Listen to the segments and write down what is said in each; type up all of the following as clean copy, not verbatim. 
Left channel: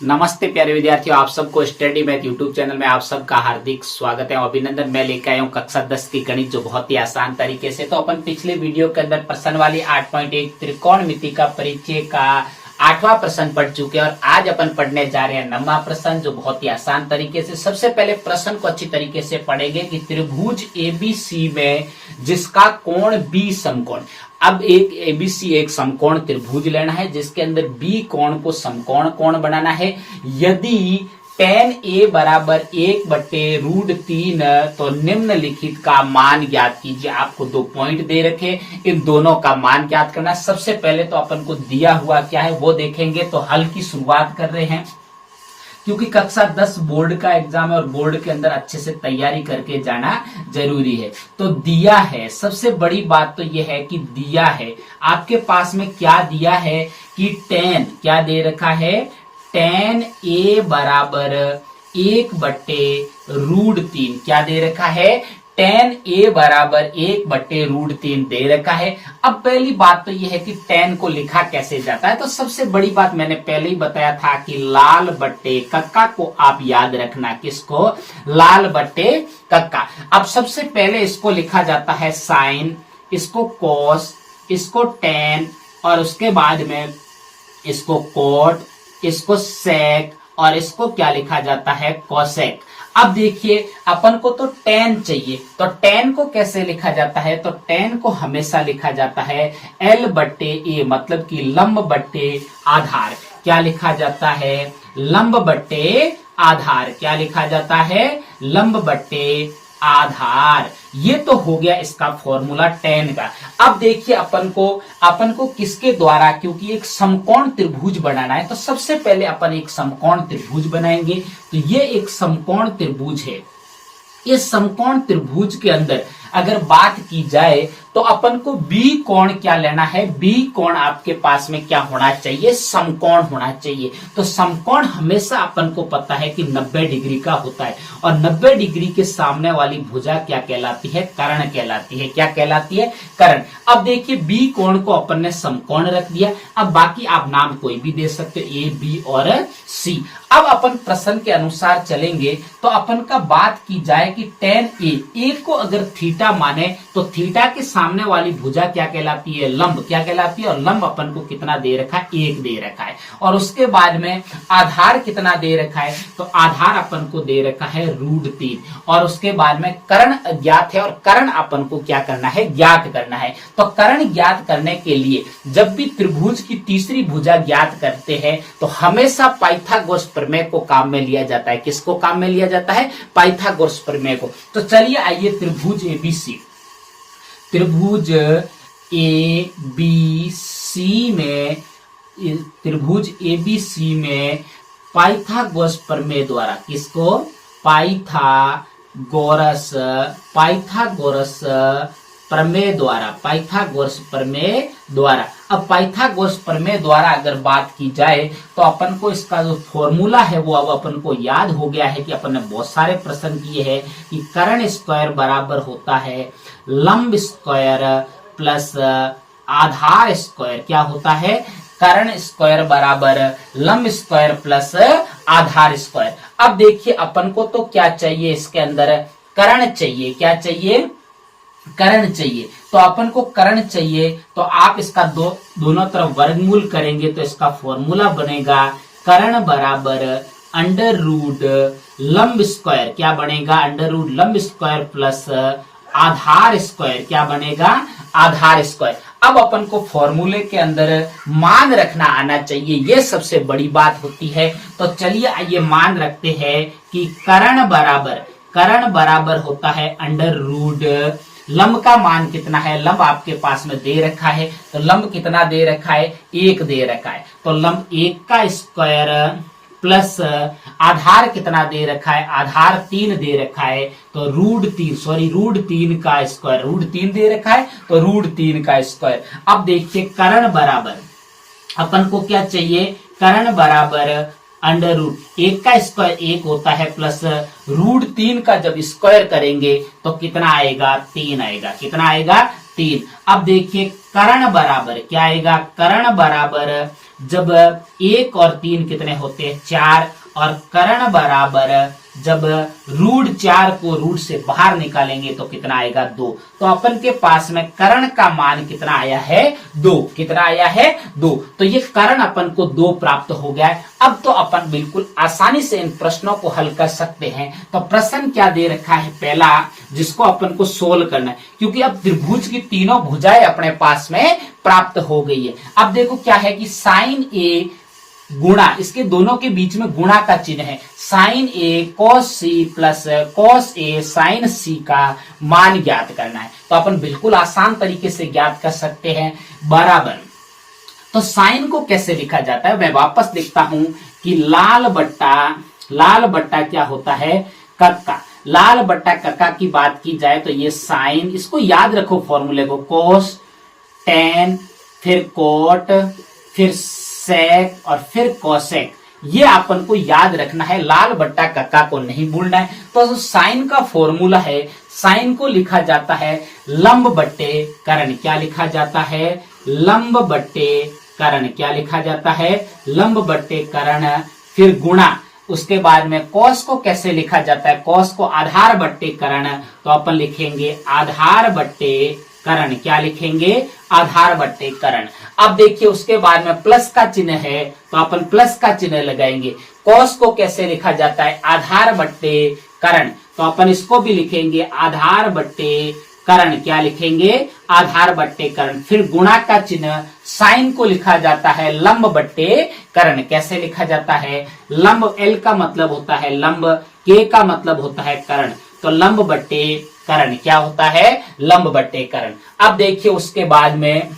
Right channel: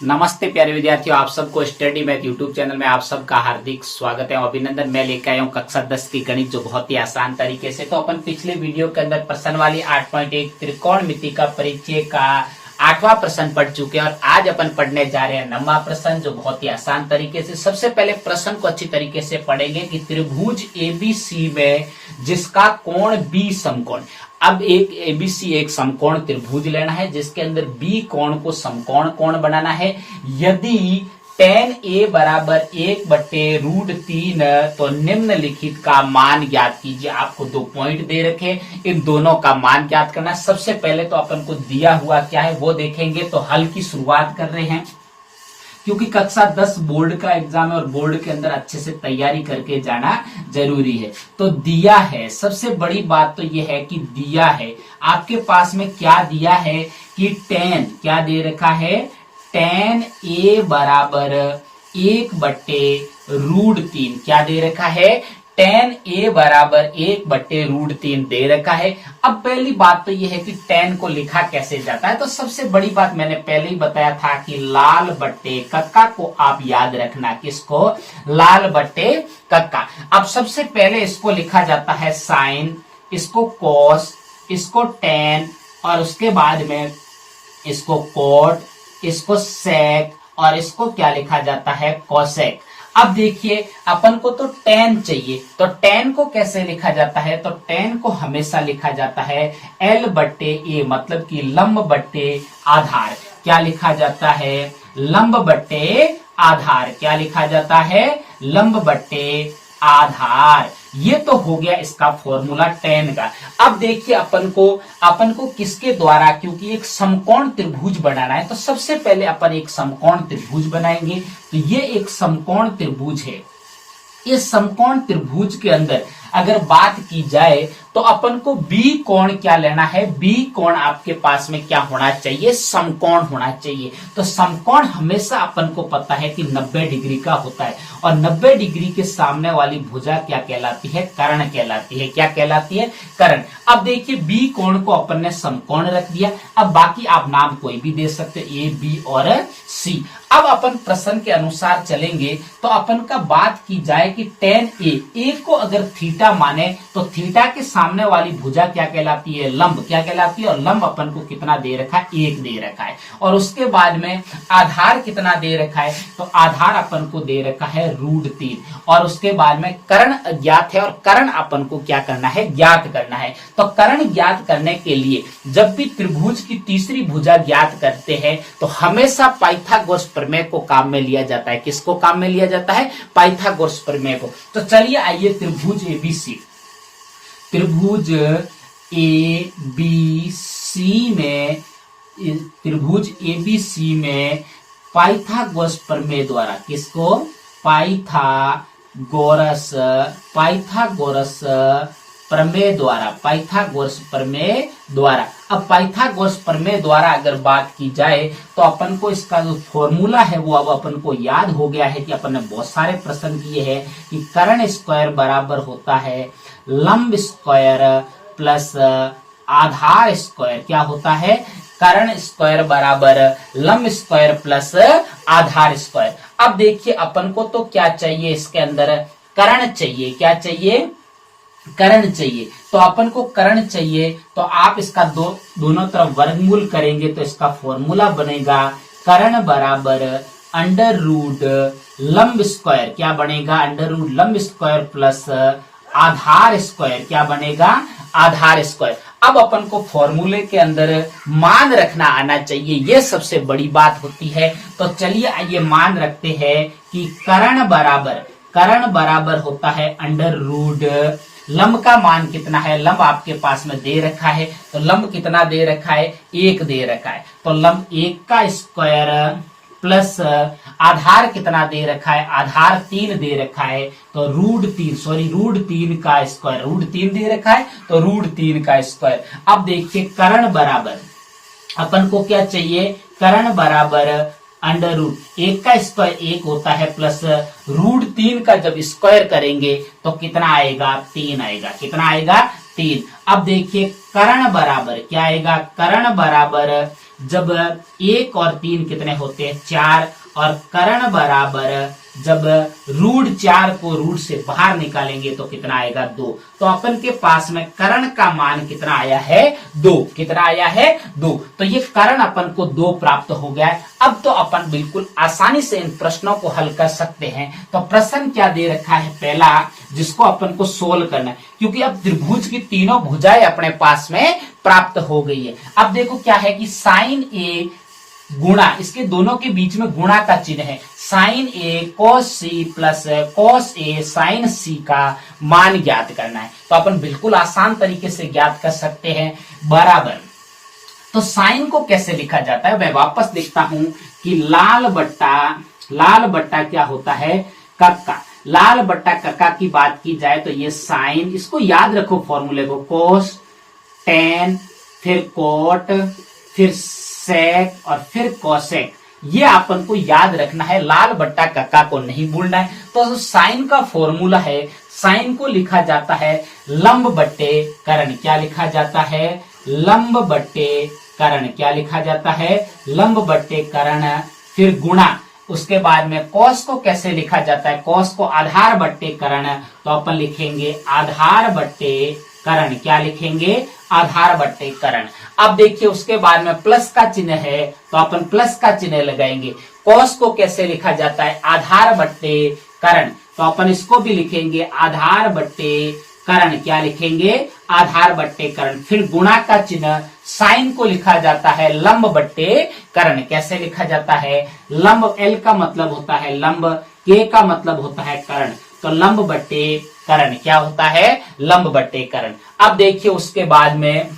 नमस्ते प्यारे विद्यार्थियों, आप सबको स्टडी मैथ यूट्यूब चैनल में आप सबका हार्दिक स्वागत है। अभिनंदन। मैं लेकर आया हूँ कक्षा 10 की गणित, जो बहुत ही आसान तरीके से। तो अपन पिछले वीडियो के अंदर प्रश्न वाली 8.1 त्रिकोणमिति का परिचय का 8वां प्रश्न पढ़ चुके हैं और आज अपन पढ़ने जा रहे हैं 9वां प्रश्न, जो बहुत ही आसान तरीके से। सबसे पहले प्रश्न को अच्छी तरीके से पढ़ेंगे कि त्रिभुज एबीसी में जिसका कोण बी समकोण। अब एक एबीसी एक समकोण त्रिभुज लेना है जिसके अंदर बी कोण को समकोण कोण बनाना है। यदि tan a बराबर 1/√3 तो निम्नलिखित का मान ज्ञात कीजिए। आपको 2 पॉइंट दे रखे, इन दोनों का मान ज्ञात करना। सबसे पहले तो अपन को दिया हुआ क्या है वो देखेंगे। तो हल की शुरुआत कर रहे हैं, क्योंकि कक्षा 10 बोर्ड का एग्जाम है और बोर्ड के अंदर अच्छे से तैयारी करके जाना जरूरी है। तो दिया है, सबसे बड़ी बात तो यह है कि दिया है आपके पास में क्या दिया है कि tan क्या दे रखा है, tan a बराबर 1/√3 क्या दे रखा है, tan a बराबर 1/√3 दे रखा है। अब पहली बात तो यह है कि tan को लिखा कैसे जाता है। तो सबसे बड़ी बात मैंने पहले ही बताया था कि लाल बट्टे कक्का को आप याद रखना। किसको? लाल बट्टे कक्का। अब सबसे पहले इसको लिखा जाता है साइन, इसको कॉस, इसको tan और उसके बाद में इसको कोट, इसको सेक और इसको क्या लिखा जाता है, कोसेक। अब देखिए अपन को तो tan चाहिए, तो tan को कैसे लिखा जाता है, तो tan को हमेशा लिखा जाता है L/A, मतलब कि लंब बट्टे आधार। क्या लिखा जाता है, लंब बट्टे आधार। क्या लिखा जाता है, लंब बट्टे आधार। ये तो हो गया इसका फॉर्मूला tan का। अब देखिए अपन को किसके द्वारा, क्योंकि एक समकोण त्रिभुज बनाना है, तो सबसे पहले अपन एक समकोण त्रिभुज बनाएंगे। तो ये एक समकोण त्रिभुज है। इस समकोण त्रिभुज के अंदर अगर बात की जाए तो अपन को बी कोण क्या लेना है, बी कोण आपके पास में क्या होना चाहिए, समकोण होना चाहिए। तो समकोण हमेशा अपन को पता है कि 90 डिग्री का होता है और 90 डिग्री के सामने वाली भुजा क्या कहलाती है, कर्ण कहलाती है। क्या कहलाती है, कर्ण। अब देखिए बी कोण को अपन ने समकोण रख दिया। अब बाकी आप नाम कोई भी दे सकते हो, ए, बी और सी। अब अपन प्रश्न के अनुसार चलेंगे तो अपन का बात की जाए कि tan a को अगर थीटा माने तो थीटा के सामने वाली भुजा क्या कहलाती है, लंब। क्या कहलाती है, और लंब अपन को कितना दे रखा है, 1 दे रखा है। और उसके बाद में आधार कितना दे रखा है, तो आधार अपन को दे रखा है √3। और उसके बाद में कर्ण ज्ञात है और कर्ण अपन को क्या करना है, ज्ञात करना है। तो कर्ण ज्ञात करने के लिए जब भी त्रिभुज की तीसरी भुजा ज्ञात करते हैं तो हमेशा पाइथागोरस प्रमेय को काम में लिया जाता है। किसको काम में लिया जाता है, पाइथागोरस प्रमेय को। तो चलिए आइए त्रिभुज एबीसी, त्रिभुज एबीसी में, त्रिभुज एबीसी में पाइथागोरस प्रमेय द्वारा, किसको, पाइथागोरस प्रमेय द्वारा, पाइथागोरस प्रमेय द्वारा। अब पाइथागोरस प्रमेय द्वारा अगर बात की जाए तो अपन को इसका जो फॉर्मूला है वो अब अपन को याद हो गया है कि अपन ने बहुत सारे प्रश्न किए हैं कि कर्ण स्क्वायर बराबर होता है लंब स्क्वायर प्लस आधार स्क्वायर। क्या होता है, कर्ण स्क्वायर बराबर लंब स्क्वायर प्लस आधार स्क्वायर। अब देखिए अपन को तो क्या चाहिए, इसके अंदर कर्ण चाहिए। क्या चाहिए, कर्ण चाहिए। तो अपन को कर्ण चाहिए तो आप इसका दोनों तरफ वर्गमूल करेंगे तो इसका फॉर्मूला बनेगा कर्ण बराबर √ लंब स्क्वायर। क्या बनेगा, √ लंब स्क्वायर प्लस आधार स्क्वायर। क्या बनेगा, आधार स्क्वायर। अब अपन को फॉर्मूले के अंदर मान रखना आना चाहिए, ये सबसे बड़ी बात होती है। तो चलिए आइए मान रखते हैं कि कर्ण बराबर होता है √ लंब का मान कितना है, लंब आपके पास में दे रखा है। तो लंब कितना दे रखा है, 1 दे रखा है। तो लंब 1 का स्क्वायर प्लस आधार कितना दे रखा है, आधार 3 दे रखा है। तो √3 का स्क्वायर, √3 दे रखा है तो √3 का स्क्वायर। अब देखिए कर्ण बराबर अपन को क्या चाहिए, कर्ण बराबर √1 का स्क्वायर 1 होता है प्लस √3 का जब स्क्वायर करेंगे तो कितना आएगा, 3 आएगा। कितना आएगा, 3। अब देखिए कर्ण बराबर क्या आएगा, कर्ण बराबर जब 1 और 3 कितने होते हैं 4, और कर्ण बराबर जब रूट 4 को रूट से बाहर निकालेंगे तो कितना आएगा 2। तो अपन के पास में कर्ण का मान कितना आया है 2, कितना आया है 2। तो ये कर्ण अपन को 2 प्राप्त हो गया है। अब तो अपन बिल्कुल आसानी से इन प्रश्नों को हल कर सकते हैं। तो प्रश्न क्या दे रखा है पहला, जिसको अपन को सोल्व करना है, क्योंकि अब त्रिभुज की तीनों भुजाएं अपने पास में प्राप्त हो गई है। अब देखो क्या है कि साइन ए गुणा, इसके दोनों के बीच में गुणा का चिन्ह है, sign A cos C plus cos A sign सी का मान ज्ञात करना है। तो अपन बिल्कुल आसान तरीके से ज्ञात कर सकते हैं, बराबर। तो साइन को कैसे लिखा जाता है, मैं वापस लिखता हूं कि लाल बट्टा क्या होता है कक्का। लाल बट्टा कक्का की बात की जाए तो ये साइन, इसको याद रखो फॉर्मूले को, कोस, टेन, फिर कोट, फिर सेक और फिर कोसेक, ये अपन को याद रखना है, लाल बट्टा कक्का को नहीं भूलना है। तो साइन का फॉर्मूला है, साइन को लिखा जाता है लंब बट्टे कर्ण। क्या लिखा जाता है, लंब बट्टे कर्ण। क्या लिखा जाता है, लंब बट्टे कर्ण, फिर गुणा। उसके बाद में कॉस को कैसे लिखा जाता है, कॉस को आधार बट्टे कर्ण। तो अपन लिखेंगे आधार बट्टे कर्ण। क्या लिखेंगे, आधार बट्टे कर्ण। अब देखिए उसके बाद में प्लस का चिन्ह है, तो अपन प्लस का चिन्ह लगाएंगे। कॉस को कैसे लिखा जाता है, आधार बट्टे कर्ण। तो अपन इसको भी लिखेंगे आधार बट्टे कर्ण। क्या लिखेंगे, आधार बट्टे कर्ण। फिर गुणा का चिन्ह, साइन को लिखा जाता है लंब बट्टे कर्ण। कैसे लिखा जाता है, लंब, एल का मतलब होता है लंब, के का मतलब होता है कर्ण। तो लंब बट्टे कर्ण क्या होता है, लंब बट्टे कर्ण। अब देखिए उसके बाद में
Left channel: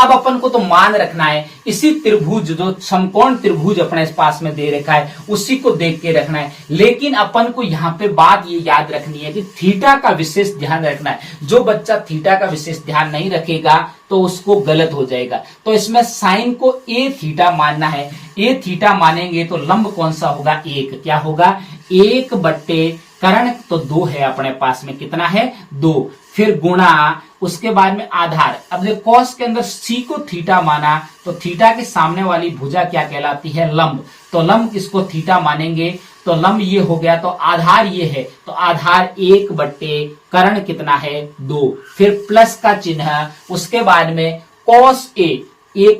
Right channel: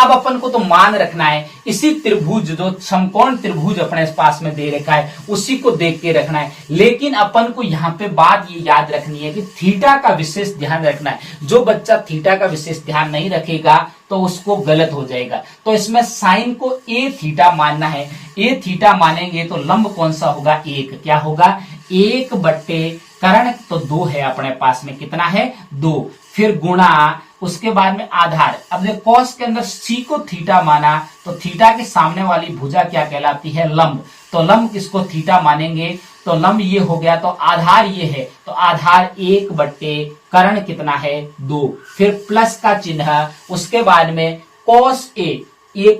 अब अपन को तो मान रखना है, इसी त्रिभुज, जो समकोण त्रिभुज अपने पास में दे रखा है उसी को देख के रखना है। लेकिन अपन को यहाँ पे बात ये याद रखनी है कि थीटा का विशेष ध्यान रखना है। जो बच्चा थीटा का विशेष ध्यान नहीं रखेगा तो उसको गलत हो जाएगा। तो इसमें साइन को ए थीटा मानना है। ए थीटा मानेंगे तो लंब कौन सा होगा, 1। क्या होगा, 1 बट्टे कर्ण। तो 2 है अपने पास में, कितना है 2। फिर गुणा, उसके बाद में आधार। अब कॉस के अंदर सी को थीटा माना तो थीटा के सामने वाली भुजा क्या कहलाती है, लंब। तो लंब किसको थीटा मानेंगे, तो लंब ये हो गया। तो आधार ये है, तो आधार 1 बट्टे कर्ण कितना है 2। फिर प्लस का चिन्ह, उसके बाद में कॉस ए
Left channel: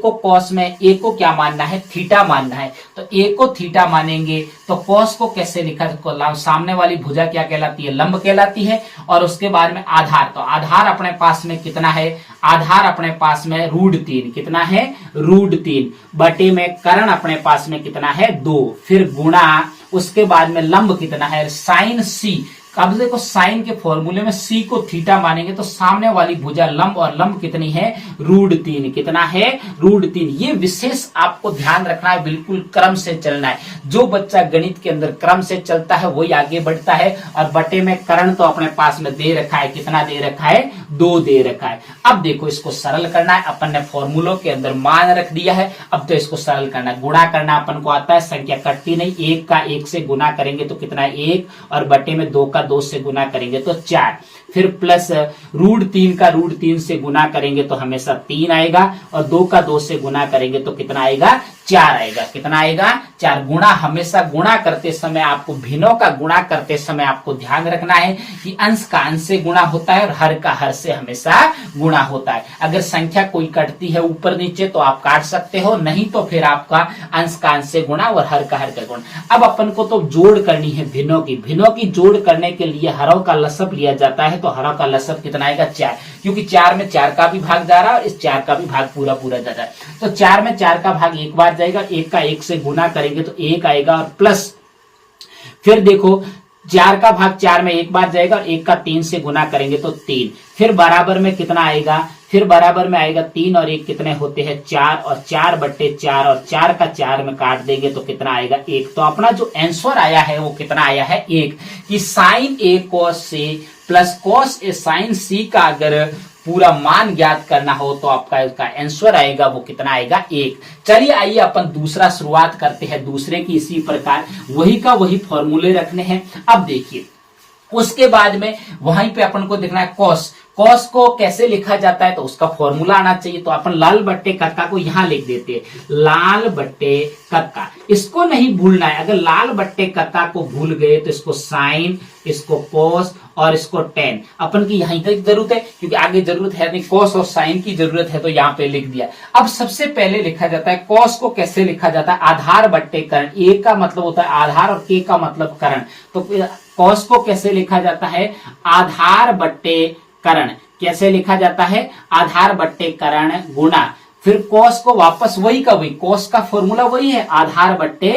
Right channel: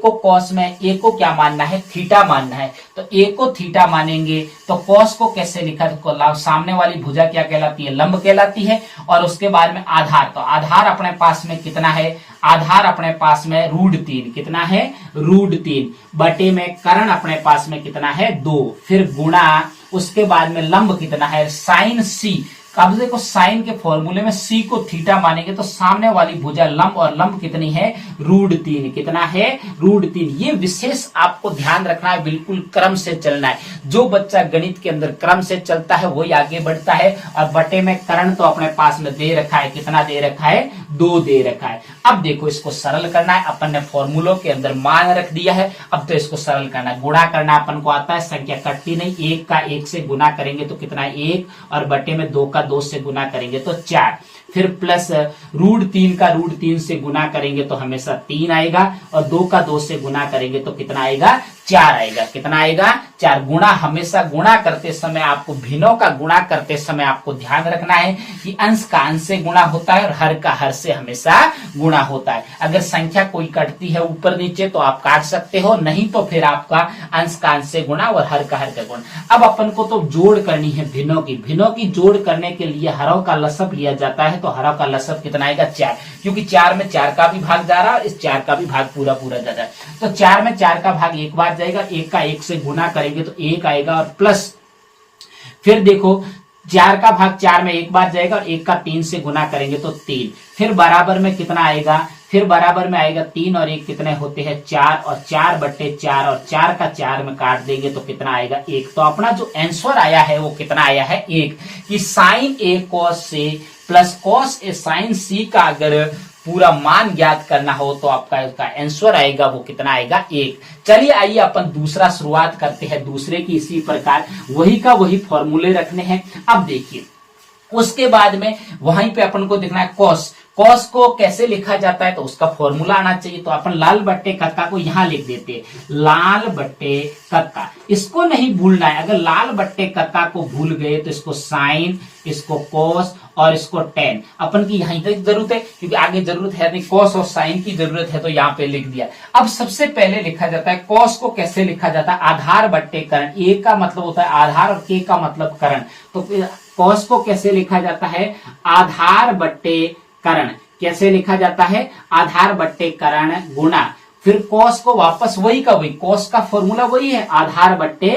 को कॉस में ए को क्या मानना है, थीटा मानना है। तो ए को थीटा मानेंगे तो कॉस को कैसे लिखा, तो सामने वाली भुजा क्या कहलाती है, लंब कहलाती है। और उसके बाद में आधार, तो आधार अपने पास में कितना है, आधार अपने पास में √3। कितना है, √3 बटे में कर्ण अपने पास में कितना है 2। फिर गुणा, उसके बाद में लंब कितना है, साइन सी। अब देखो साइन के फॉर्मूले में सी को थीटा मानेंगे तो सामने वाली भुजा लंब, और लंब कितनी है √3। कितना है, √3। ये विशेष आपको ध्यान रखना है, बिल्कुल क्रम से चलना है। जो बच्चा गणित के अंदर क्रम से चलता है वही आगे बढ़ता है। और बटे में कर्ण तो अपने पास में दे रखा है, कितना दे रखा है, 2 दे रखा है। अब देखो इसको सरल करना है, अपन ने फॉर्मूलों के अंदर मान रख दिया है। अब तो इसको सरल करना है, गुणा करना अपन को आता है, संख्या कटती नहीं। 1 का 1 से गुना करेंगे तो कितना है 1, और बटे में 2 का 2 से गुना करेंगे तो 4। फिर प्लस √3 का √3 से गुना करेंगे तो हमेशा 3 आएगा, और 2 का 2 से गुना करेंगे तो कितना आएगा, 4 आएगा। कितना आएगा, 4। गुणा, हमेशा गुणा करते समय आपको, भिन्नों का गुणा करते समय आपको ध्यान रखना है कि अंश का अंश से गुणा होता है और हर का हर से हमेशा गुणा होता है। अगर संख्या कोई कटती है ऊपर नीचे तो आप काट सकते हो, नहीं तो फिर आपका अंश का अंश से गुणा और हर का गुणा। अब अपन को तो जोड़ करनी है भिन्नों की जोड़ करने के लिए हरों का लसब लिया जाता है। तो हरों का लसब कितना आएगा, 4, क्योंकि 4 में 4 का भी भाग जा रहा है और इस 4 का भी भाग पूरा जा रहा है। तो 4 में 4 का भाग एक बार जाएगा, 1 का 1 से गुना करेंगे तो 1 आएगा, और प्लस फिर देखो 4 का भाग 4 में एक बार जाएगा, और 1 का 3 से गुना करेंगे तो 3। फिर बराबर में कितना आएगा, फिर बराबर में आएगा 3 और 1 कितने होते हैं 4, और 4 बट्टे 4, और 4 का 4 में काट देंगे तो कितना आएगा 1। तो अपना जो आंसर आया है वो कितना आया है 1। कि साइन ए कॉस से प्लस कॉस ए साइन सी का अगर पूरा मान ज्ञात करना हो तो आपका इसका आंसर आएगा वो कितना आएगा 1। चलिए आइए अपन दूसरा शुरुआत करते हैं, दूसरे की इसी प्रकार वही का वही फॉर्मूले रखने हैं। अब देखिए उसके बाद में वहीं पे अपन को देखना है कॉस। कॉस को कैसे लिखा जाता है तो उसका फॉर्मूला आना चाहिए। तो अपन लाल बट्टे कक्का को यहां लिख देते हैं, लाल बट्टे कक्का। इसको नहीं भूलना है, अगर लाल बट्टे कक्का को भूल गए तो इसको साइन, इसको कॉस और इसको टेन अपन की यहीं तक जरूरत है, क्योंकि आगे जरूरत है नहीं, कॉस और साइन की जरूरत है तो यहाँ पे लिख दिया। अब सबसे पहले लिखा जाता है कॉस को कैसे लिखा जाता है, आधार बट्टे करण। ए का मतलब होता है आधार और के का मतलब करण। तो कॉस को कैसे लिखा जाता है, आधार बट्टे करण। कैसे लिखा जाता है, आधार बट्टे करण गुणा, फिर कॉस को वापस वही का वही, कॉस का फॉर्मूला वही है, आधार बट्टे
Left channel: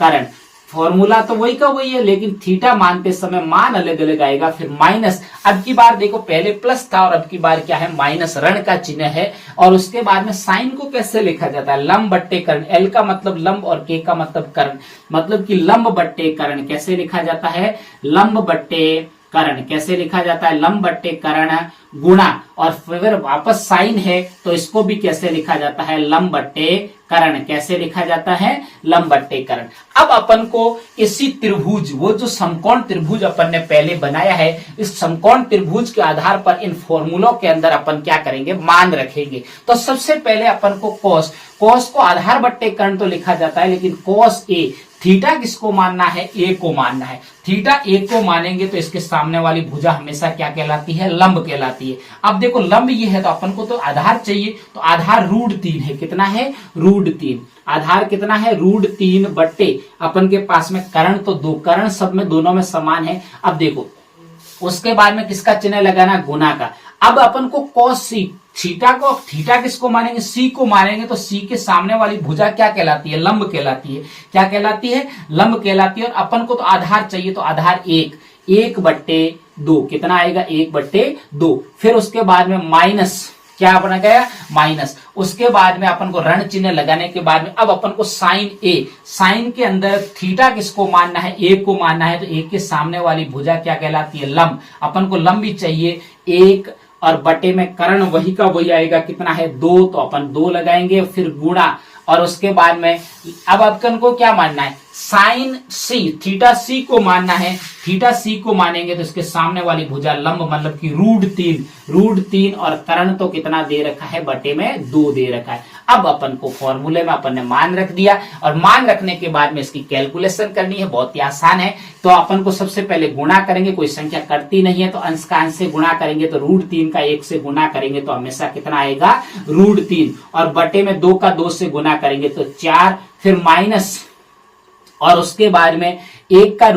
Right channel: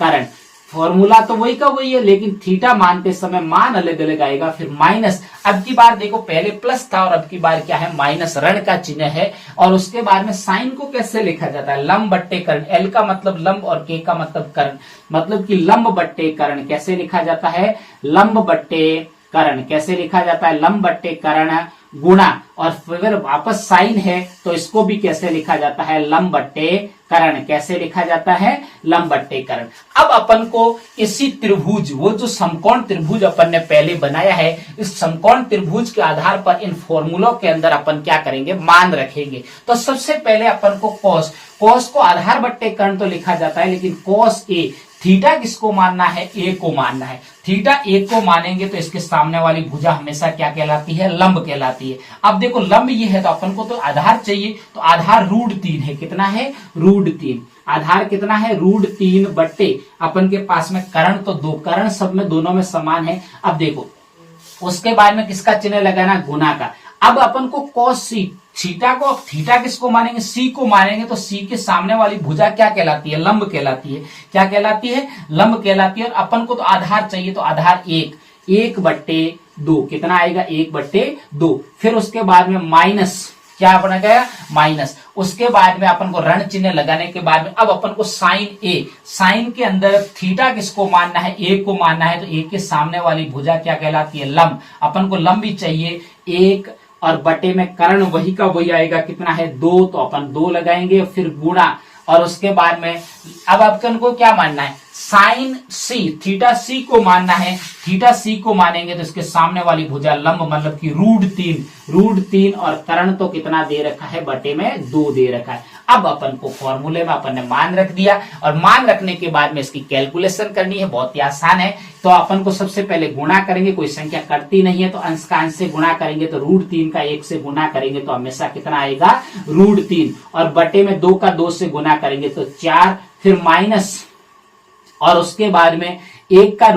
करण। फॉर्मूला तो वही का वही है, लेकिन थीटा मानते समय मान अलग अलग आएगा, फिर माइनस। अब की बार देखो पहले प्लस था और अब की बार क्या है, माइनस, ऋण का चिन्ह है। और उसके बाद में साइन को कैसे लिखा जाता है, लंब बट्टे करण। एल का मतलब लंब और के का मतलब करण, मतलब कि लंब बट्टे करण। कैसे लिखा जाता है, लंब बट्टे करण। कैसे लिखा जाता है, लंब बट्टे करण गुणा, और फिर वापस साइन है तो इसको भी कैसे लिखा जाता है, लंब बट्टे करण। कैसे लिखा जाता है, लंब बट्टे करण। अब अपन को इसी त्रिभुज, वो जो समकोण त्रिभुज अपन ने पहले बनाया है, इस समकोण त्रिभुज के आधार पर इन फॉर्मूलों के अंदर अपन क्या करेंगे, मान रखेंगे। तो सबसे पहले अपन को कॉस, कॉस को आधार बट्टे करण तो लिखा जाता है, लेकिन कॉस ए, थीटा किसको मानना है, ए को मानना है। थीटा ए को मानेंगे तो इसके सामने वाली भुजा हमेशा क्या कहलाती है, लंब कहलाती है। अब देखो लंब ये है तो अपन को तो आधार चाहिए, तो आधार √3 है। कितना है, √3। आधार कितना है, √3 बट्टे अपन के पास में करण तो 2, करण सब में दोनों में समान है। अब देखो उसके बाद में किसका चिन्ह लगाना, गुना का। अब अपन को कॉस सी, थीटा को, थीटा किसको मानेंगे, सी को मानेंगे, तो सी के सामने वाली भुजा क्या कहलाती है, लंब कहलाती है। क्या कहलाती है, लंब कहलाती है। और अपन को तो आधार चाहिए, तो आधार 1 बट्टे 2, कितना आएगा, 1/2। फिर उसके बाद में माइनस, क्या बना गया, माइनस। उसके बाद में अपन को ऋण चिन्ह लगाने के बाद में अब अपन को साइन ए, साइन के अंदर थीटा किसको मानना है, ए को मानना है, तो ए के सामने वाली भुजा क्या कहलाती है, लंब। अपन को लंब भी चाहिए, 1 और बटे में कर्ण वही का वही आएगा, कितना है, 2, तो अपन 2 लगाएंगे, फिर गुणा। और उसके बाद में अब अपन को क्या मानना है, साइन सी, थीटा सी को मानना है। थीटा सी को मानेंगे तो इसके सामने वाली भुजा लंब, मतलब कि √3, और कर्ण तो कितना दे रखा है, बटे में 2 दे रखा है। अब अपन को फॉर्मूले में अपन ने मान रख दिया, और मान रखने के बाद में इसकी कैलकुलेशन करनी है, बहुत ही आसान है। तो अपन को सबसे पहले गुणा करेंगे, कोई संख्या करती नहीं है तो अंश का अंश से गुणा करेंगे, तो √3 का 1 से गुणा करेंगे तो हमेशा कितना आएगा, √3, और बटे में 2 का 2 से गुणा करेंगे तो 4, फिर माइनस, और उसके बाद में 1 का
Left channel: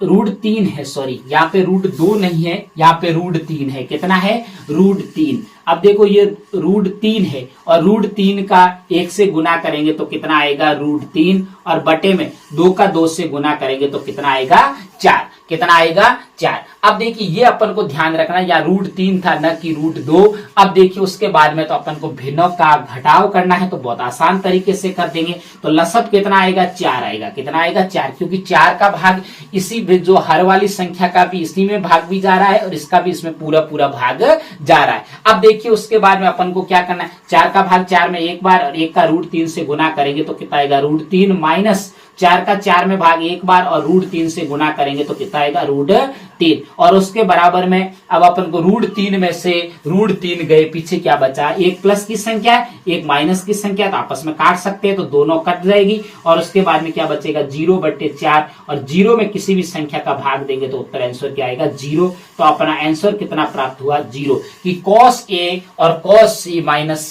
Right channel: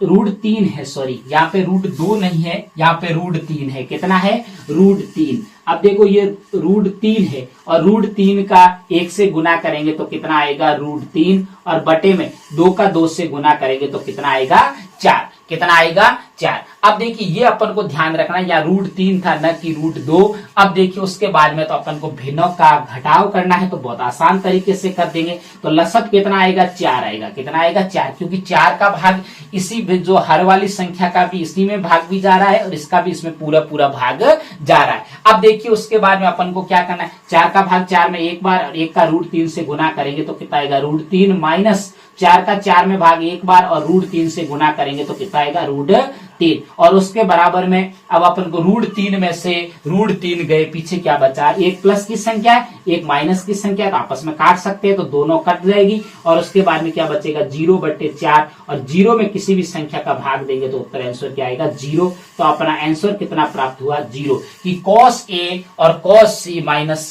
√3 है, सॉरी यहाँ पे √2 नहीं है, यहाँ पे √3 है। कितना है, √3। अब देखो ये √3 है, और √3 का 1 से गुना करेंगे तो कितना आएगा, √3, और बटे में 2 का 2 से गुना करेंगे तो कितना आएगा, 4। कितना आएगा, 4। अब देखिए ये अपन को ध्यान रखना, या √3 था न कि √2। अब देखिए उसके बाद में तो अपन को भिन्नों का घटाव करना है, तो बहुत आसान तरीके से कर देंगे। तो लसत कितना आएगा, 4 आएगा। कितना आएगा, 4, क्योंकि 4 का भाग इसी जो हर वाली संख्या का भी इसी में भाग भी जा रहा है, और इसका भी इसमें पूरा पूरा भाग जा रहा है। अब देखिए उसके बाद में अपन को क्या करना है, 4 का भाग 4 में एक बार, और 1 का √3 से गुना करेंगे तो कितना आएगा, √3, माइनस 4 का 4 में भाग एक बार, और √3 से गुना करेंगे तो कितना आएगा, √3, और उसके बराबर में अब अपन को √3 में से √3 गए, पीछे क्या बचा, 1 प्लस की संख्या है, 1 माइनस की संख्या है, तो आपस में काट सकते हैं, तो दोनों कट जाएगी। और उसके बाद में क्या बचेगा, 0/4, और 0 में किसी भी संख्या का भाग देंगे तो उत्तर आंसर क्या आएगा, 0। तो अपना आंसर कितना प्राप्त हुआ, 0, कि cos A और cos C minus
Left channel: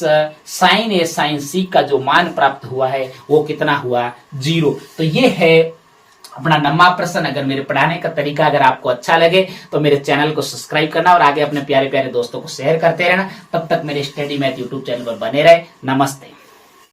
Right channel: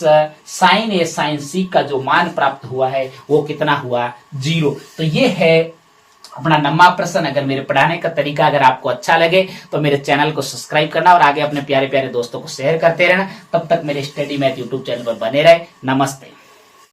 sin A sin C का जो मान प्राप्त हुआ है वो कितना हुआ, 0। तो ये है अपना 9वां प्रश्न। अगर मेरे पढ़ाने का तरीका अगर आपको अच्छा लगे तो मेरे चैनल को सब्सक्राइब करना, और आगे अपने प्यारे प्यारे दोस्तों को शेयर करते रहना। तब तक मेरे स्टडी मैथ यूट्यूब चैनल पर बने रहे। नमस्ते।